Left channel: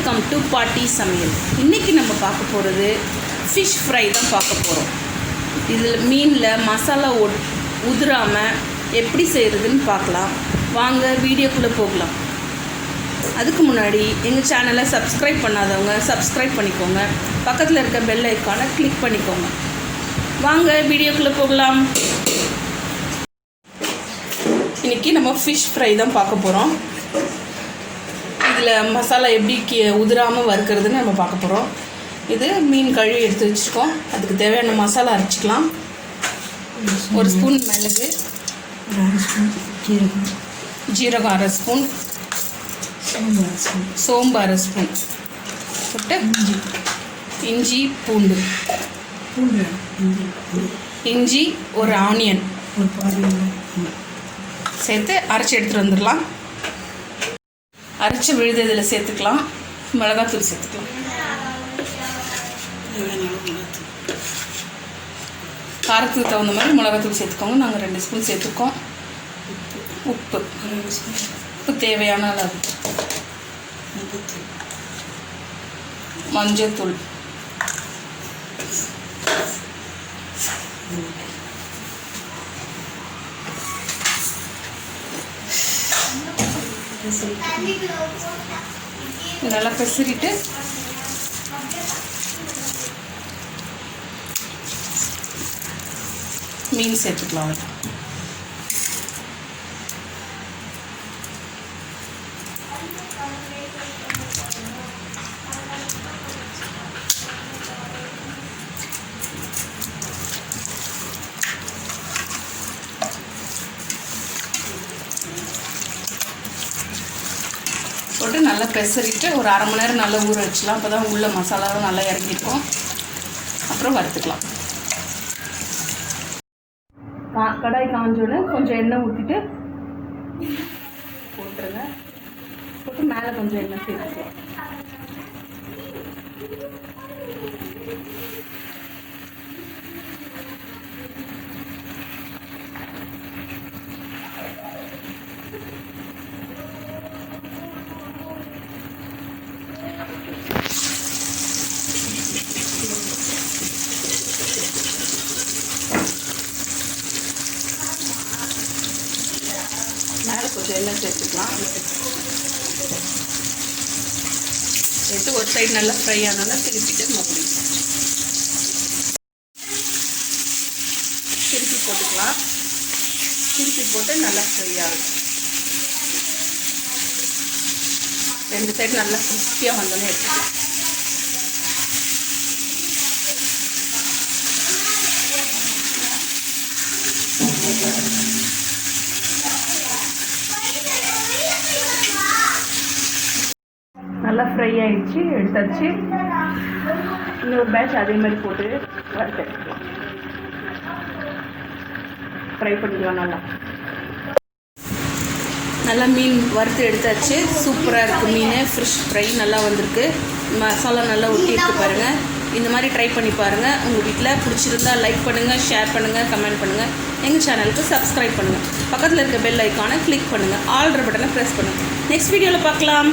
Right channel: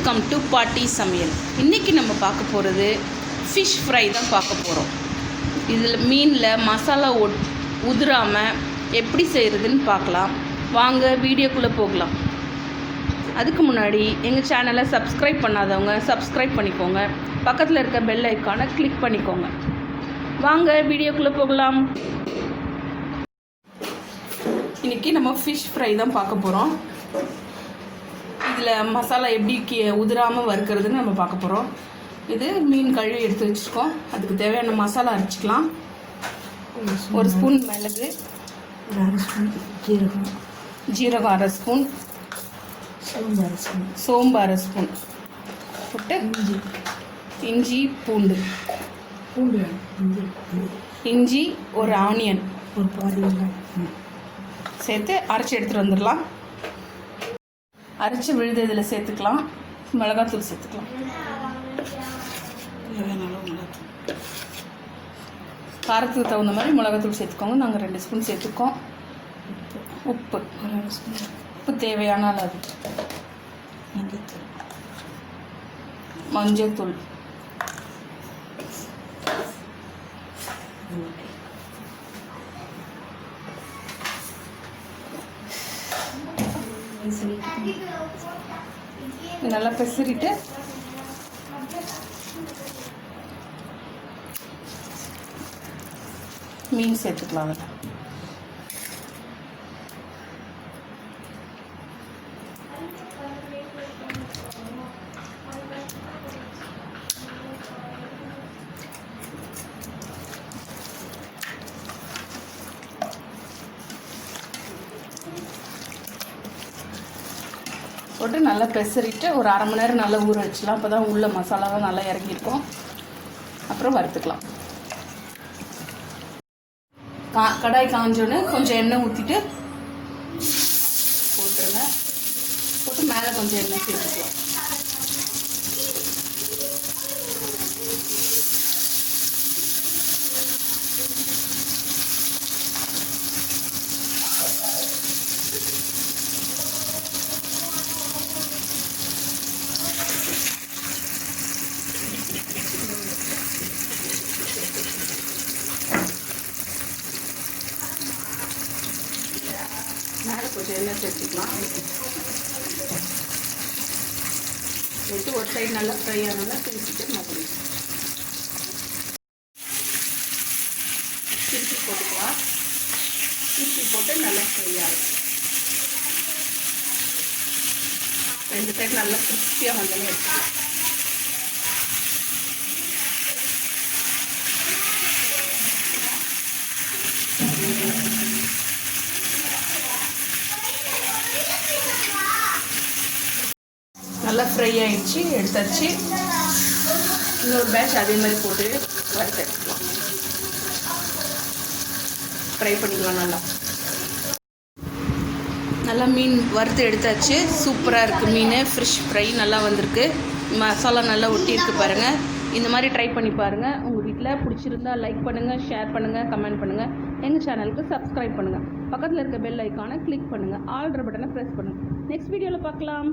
Welcome to பாட்டி சமையல். இன்றைக்கி நம்ம பார்க்க போகிறது ஃபிஷ் ஃப்ரை தான் பார்க்க போகிறோம். இதில் மீனில் மசாலா உதிராமல் எப்படி செய்கிறதுன்னு பார்க்கலாம். வாங்க வீடியோக்குள்ளே போகலாம். அதுக்கு முன்னாடி எங்கள் சேனலை சப்ஸ்கிரைப் பண்ணாதவங்க சப்ஸ்கிரைப் பண்ணிக்கோங்க. பக்கத்தில் இருக்க பெல் ஐக்கானை கிளிக் பண்ணிக்கோங்க. வாங்க வீடியோக்குள்ளே போகலாம். இன்றைக்கி நம்ம ஃபிஷ் ஃப்ரை தான் பார்க்க போகிறோம். இதில் மசாலா எப்படி உதிராமல் வறுக்கிறதுன்னு நம்ம பார்க்க போகிறோம். இது மீன் கழுவி எடுத்து வச்சுருக்கோம். அதுக்கு தேவையான மசாலா அரைச்சிக்கலாம். ஒரு ஸ்பூன் மிளகு, ஜீரகம் அரை ஸ்பூன், சோம்பு அரை ஸ்பூன் போட்டு இஞ்சி பூண்டு, இஞ்சி ஒரு ஆனியன் சேர்த்து அரைச்சி எடுத்துகிட்டு வந்துடலாம். அரைச்சி விழுது இதில் சேர்த்துக்கலாம். மிளகாத்தூள் சேர்த்துக்கலாம். காரத்துக்கு தகுந்த மாதிரி மிளகாத்தூள் சேர்த்துக்கோங்க. நாங்கள் 2 ஸ்பூன் சேர்த்துக்கோம். உப்பு தேவையான அளவு, மஞ்சத்தூள், நல்லா பெசரிட்டு மீன் சேர்த்துக்கலாம். போட்டு நல்லா பெசரிட்டு ஒரு அரை மணி நேரம் நல்லா ஊற வச்சுக்கலாம். அப்போ தான் உள்ள மசாலாவும் நல்லா இறங்கியிருக்கும். அப்புறம் வறுத்துக்கலாம். கடாய் காஞ்சோன்னு கொஞ்சம் எண்ணெய் ஊற்றிட்டு போட்டுருங்க. போட்டு மேலே கொஞ்சம் எண்ணெய் சேர்த்துக்கலாம். மேலே கொஞ்சம் எண்ணெய் சேர்த்துக்கலாம். சேர்த்து ஒரு சைடு நல்லா ஃப்ரை ஆனாலும் திருப்பிட்டு திருப்பி போட்டுக்கலாம். திருப்பி போட்டு நல்லா ஃப்ரை ஆகும். 2 சைடு நல்லா கிறிஸ்பியாக வந்தோன்னு எடுத்துக்கலாம். நல்லா ஃப்ரை ஆகிடுச்சு, எடுத்தாச்சு. இன்னொரு பேட்ச் அதே மாதிரி போட்டு வறுத்துக்கலாம். ஃப்ரை பண்ணிக்கலாம். நல்லா மீன் வறுத்து எடுத்தாச்சு. சூப்பராக இருக்குது மீன். ஃபிஷ் ஃப்ரை நல்லா வந்திருக்கு. மசாலா நல்லா ஒட்டியிருக்கு பாருங்கள். இந்த மாதிரி ட்ரை பண்ணி பாருங்கள். உங்கள் வீட்டில் பிடிச்சிருந்தா லைக் பண்ணுங்கள், ஷேர் பண்ணுங்கள், கமெண்ட் பண்ணுங்கள். எங்கள் சேனலுக்கு சப்ஸ்கிரைப் பண்ணுங்கள். பக்கத்தில் இருக்க பெல் ஐக்கானை கிளிக் பண்ணுங்கள். ஆல்ட்ரு பட்டனை ப்ரெஸ் பண்ணுங்கள். நெக்ஸ்ட் வீடியோவில் பார்க்கலாம்.